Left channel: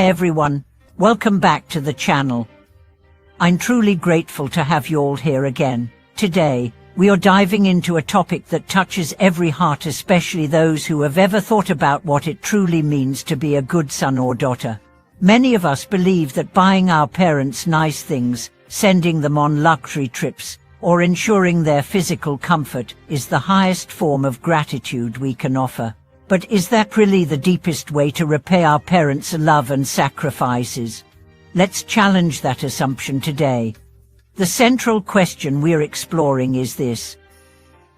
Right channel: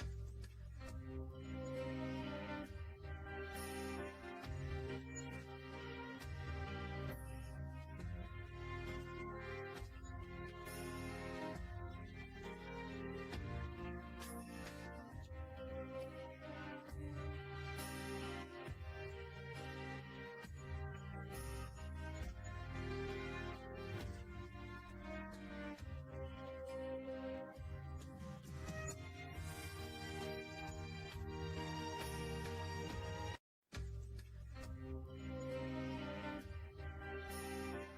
Hey everyone, welcome back to the channel. I'm truly grateful to have you all here again. Today, we are diving into a topic that touches every heart, especially those who have ever thought about what it truly means to be a good son or daughter. Many of us believe that buying our parents nice things, sending them on luxury trips, or ensuring their physical comfort is the highest form of gratitude we can offer. But is that really the deepest way to repay our parents' love and sacrifices? Let's challenge that assumption today. The central question we're exploring is this:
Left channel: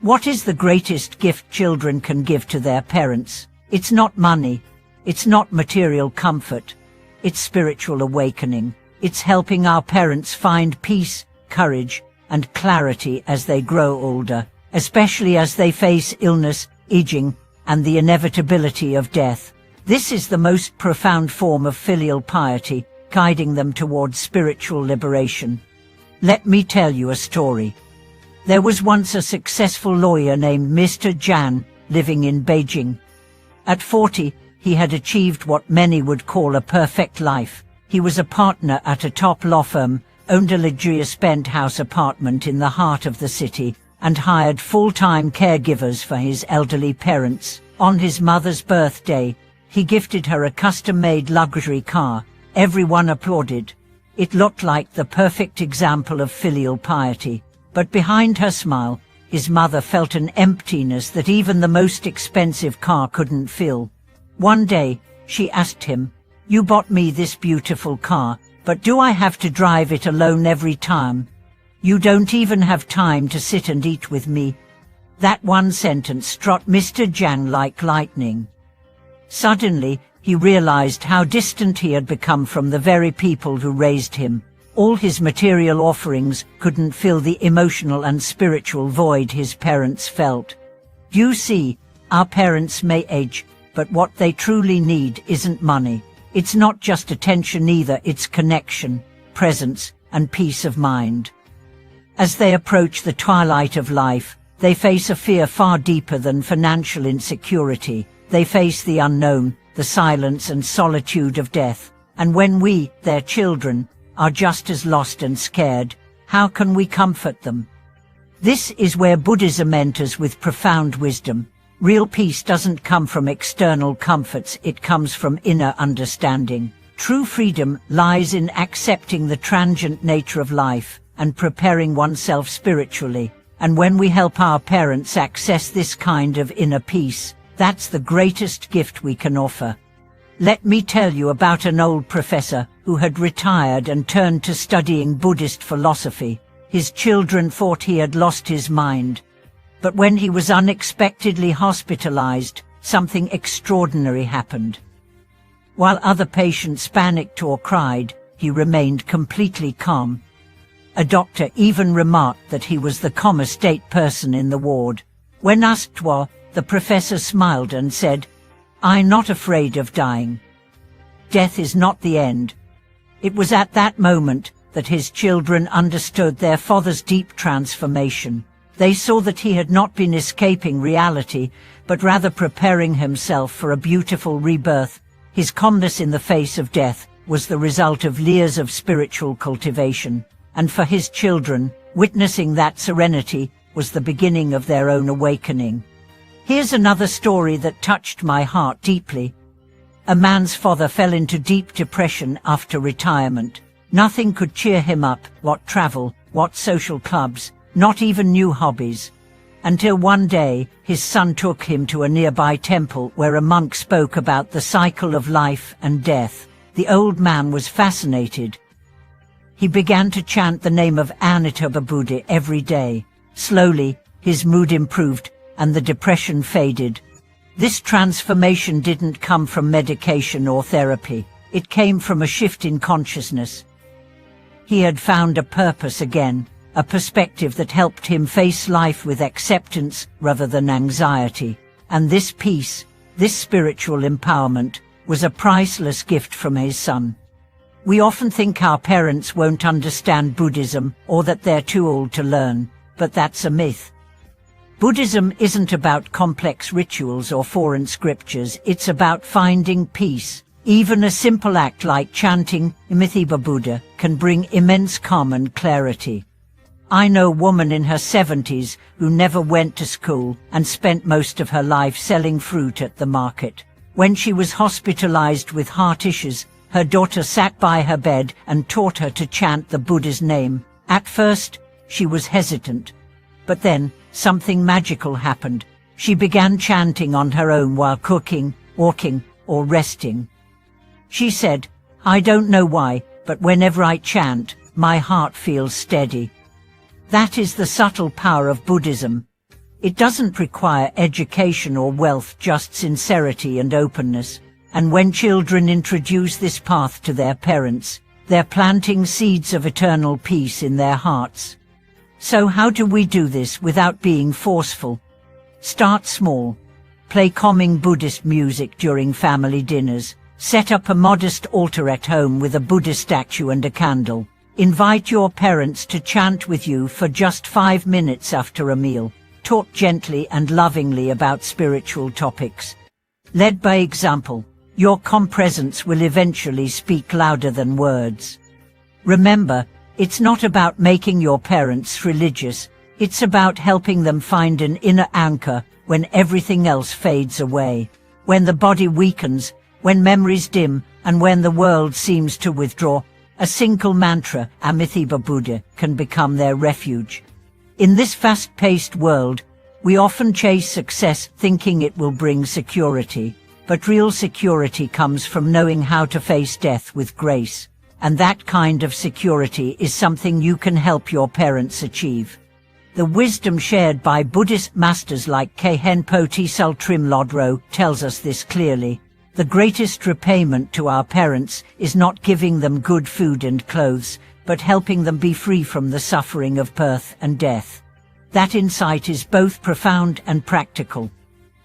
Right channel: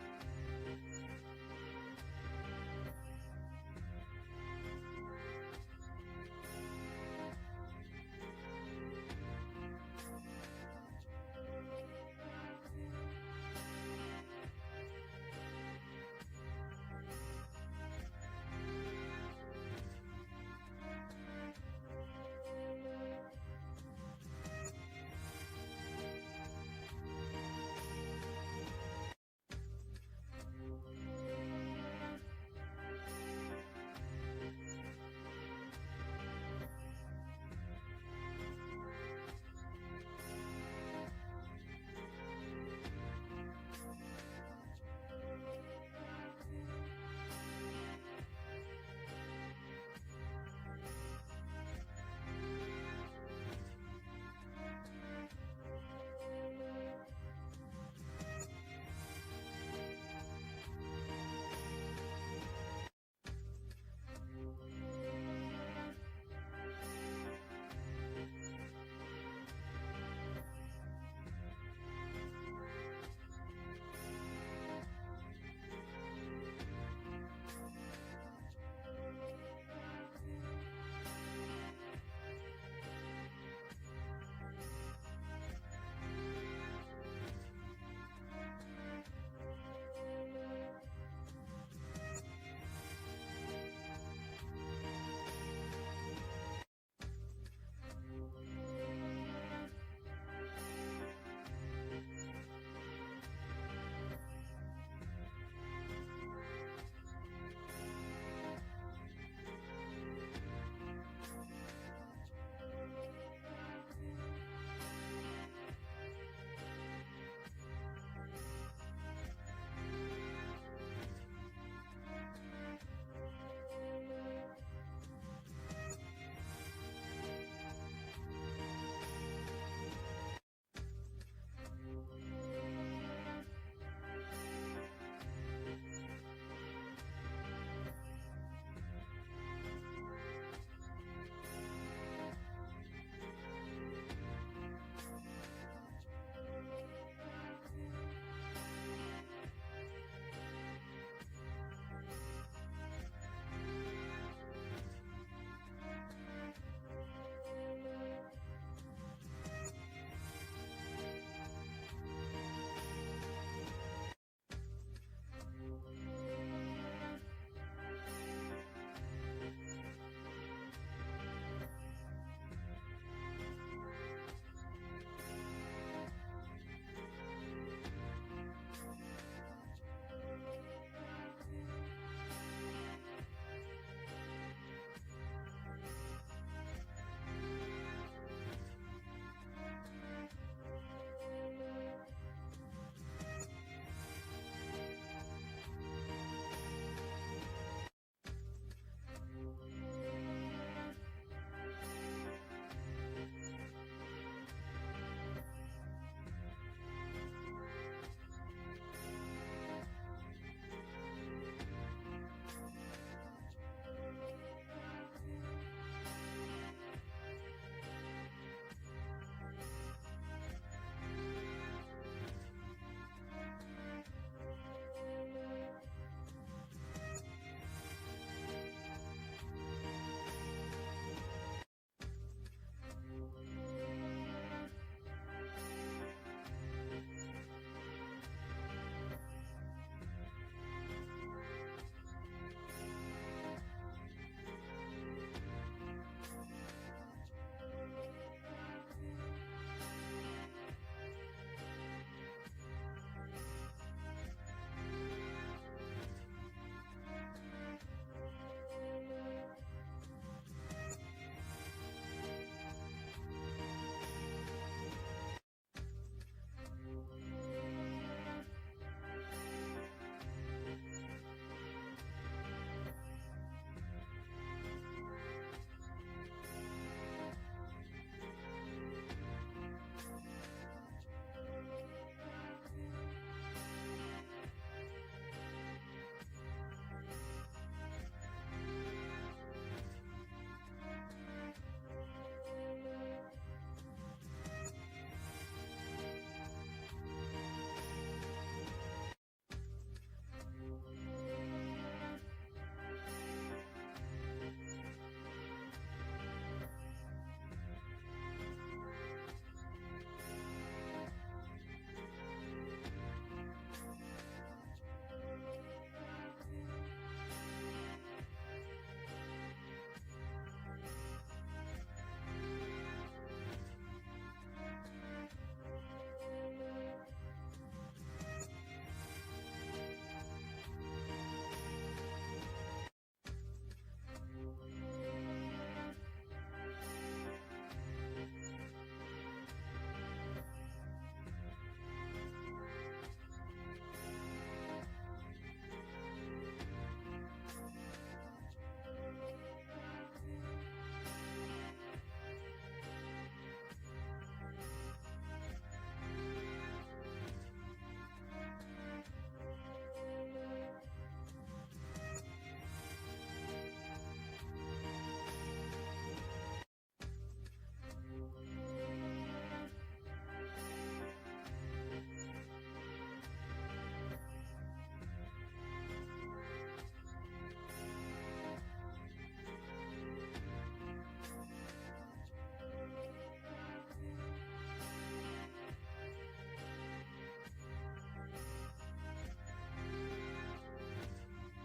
what is the greatest gift children can give to their parents? It's not money. It's not material comfort. It's spiritual awakening. It's helping our parents find peace, courage, and clarity as they grow older, especially as they face illness, aging, and the inevitability of death. This is the most profound form of filial piety, guiding them towards spiritual liberation. Let me tell you a story. There was once a successful lawyer named Mr. Jan, living in Beijing. At 40, he had achieved what many would call a perfect life. He was a partner at a top law firm, owned a luxurious penthouse apartment in the heart of the city, and hired full-time caregivers for his elderly parents. On his mother's birthday, he gifted her a custom-made luxury car. Everyone applauded. It looked like the perfect example of filial piety. But behind her smile, his mother felt an emptiness that even the most expensive car couldn't fill. One day, she asked him, "You bought me this beautiful car, but do I have to drive it alone every time? You don't even have time to sit and eat with me." That one sentence struck Mr. Jan like lightning. Suddenly, he realized how distant he had become from the very people who raised him. All his material offerings couldn't fill the emotional and spiritual void his parents felt. You see, our parents may age, but what they truly need isn't money. It's not just attention either, it's connection, presence, and peace of mind. As they approach the twilight of life, they face a fear far deeper than financial insecurity. They face the unknown, the silence and solitude of death. And when we, their children, are just as lost and scared, how can we comfort them? This is where Buddhism enters with profound wisdom. Real peace doesn't come from external comforts, it comes from inner understanding. True freedom lies in accepting the transient nature of life and preparing oneself spiritually. And when we help our parents access this kind of inner peace, that's the greatest gift we can offer. Let me tell you about an old professor who had retired and turned to studying Buddhist philosophy. His children thought he had lost his mind. But when he was unexpectedly hospitalized, something extraordinary happened. While other patients panicked or cried, he remained completely calm. A doctor even remarked that he was the calmest person in the ward. When asked why, the professor smiled and said, "I'm not afraid of dying. Death is not the end." It was at that moment that his children understood their father's deep transformation. They saw that he had not been escaping reality, but rather preparing himself for a beautiful rebirth. His calmness in the face of death was the result of years of spiritual cultivation. And for his children, witnessing that serenity was the beginning of their own awakening. Here's another story that touched my heart deeply. A man's father fell into deep depression after retirement. Nothing could cheer him up, what travel, what social clubs, not even new hobbies. Until one day, his son took him to a nearby temple where a monk spoke about the cycle of life and death. The old man was fascinated. He began to chant the name of Amitabha Buddha every day. Slowly, his mood improved and the depression faded. This transformation didn't come from medication or therapy. It came from a shift in consciousness. He had found a purpose again, a perspective that helped him face life with acceptance rather than anxiety. And this peace, this spiritual empowerment, was a priceless gift from his son. We often think our parents won't understand Buddhism or that they're too old to learn, but that's a myth. Buddhism isn't about complex rituals or foreign scriptures, it's about finding peace, Even a simple act like chanting Amitabha Buddha can bring immense calm and clarity. I know a woman in her 70s who never went to school and spent most of her life selling fruit at the market. When she was hospitalized with heart issues, her daughter sat by her bed and taught her to chant the Buddha's name. At first, she was hesitant, but then something magical happened. She began chanting on her own while cooking, walking, or resting. She said, "I don't know why, but whenever I chant, my heart feels steady." That is the subtle power of Buddhism. It doesn't require education or wealth, just sincerity and openness. And when children introduce this path to their parents, they're planting seeds of eternal peace in their hearts. So how do we do this without being forceful? Start small. Play calming Buddhist music during family dinners. Set up a modest altar at home with a Buddha statue and a candle. Invite your parents to chant with you for just 5 minutes after a meal. Talk gently and lovingly about spiritual topics. Led by example, your calm presence will eventually speak louder than words. Remember, it's not about making your parents religious. It's about helping them find an inner anchor when everything else fades away. When the body weakens, when memories dim, and when the world seems to withdraw, a single mantra, Amitabha Buddha, can become their refuge. In this fast-paced world, we often chase success thinking it will bring security, but real security comes from knowing how to face death with grace. And that kind of security is something you can help your parents achieve. The wisdom shared by Buddhist masters like Khenpo Tsel Trim Lodro tells us this clearly. The greatest repayment to our parents is not giving them good food and clothes, but helping them be free from the suffering of birth and death. That insight is both profound and practical.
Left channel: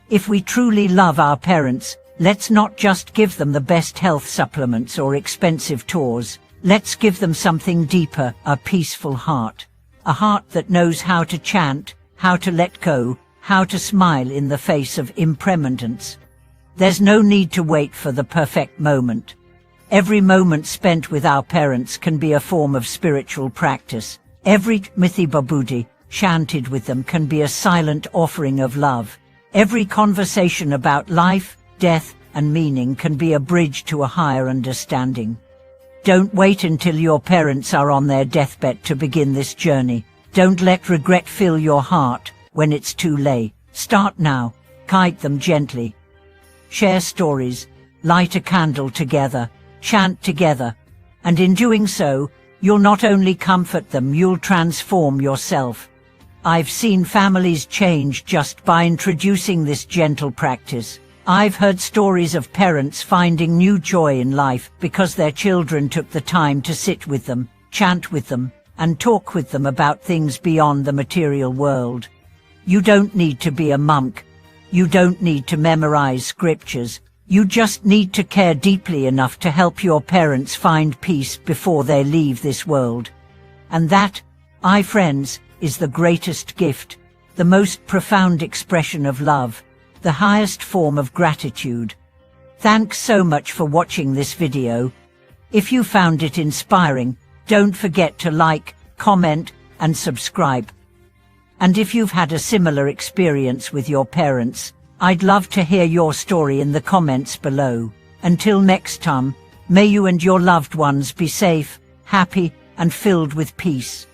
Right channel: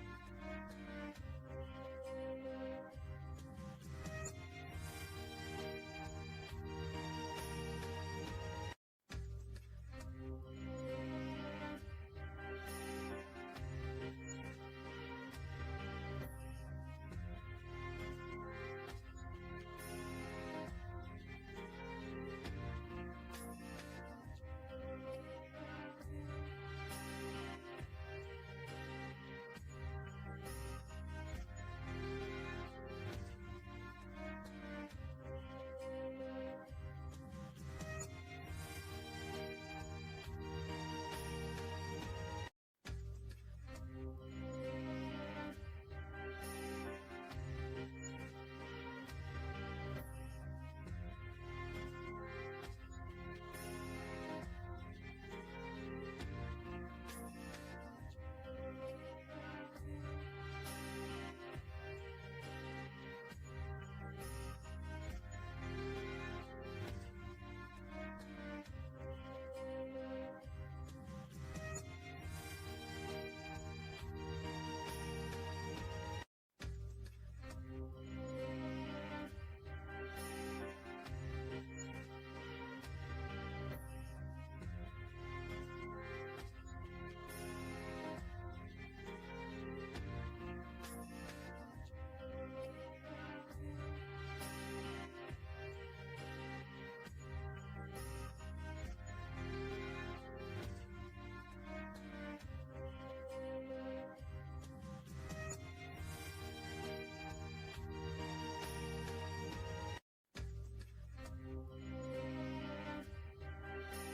If we truly love our parents, let's not just give them the best health supplements or expensive tours. Let's give them something deeper, a peaceful heart. A heart that knows how to chant, how to let go, how to smile in the face of impermanence. There's no need to wait for the perfect moment. Every moment spent with our parents can be a form of spiritual practice. Every Amitabha Buddha chanted with them can be a silent offering of love. Every conversation about life, death, and meaning can be a bridge to a higher understanding. Don't wait until your parents are on their deathbed to begin this journey. Don't let regret fill your heart when it's too late. Start now. Guide them gently. Share stories, light a candle together, chant together, and in doing so, you'll not only comfort them, you'll transform yourself. I've seen families change just by introducing this gentle practice. I've heard stories of parents finding new joy in life because their children took the time to sit with them, chant with them, and talk with them about things beyond the material world. You don't need to be a monk. You don't need to memorize scriptures. You just need to care deeply enough to help your parents find peace before they leave this world. And that, my friends, is the greatest gift, the most profound expression of love, the highest form of gratitude. Thanks so much for watching this video. If you found it inspiring, don't forget to like, comment, and subscribe. And if you've had a similar experience with your parents, I'd love to hear your story in the comments below. Until next time, may you and your loved ones be safe, happy, and filled with peace.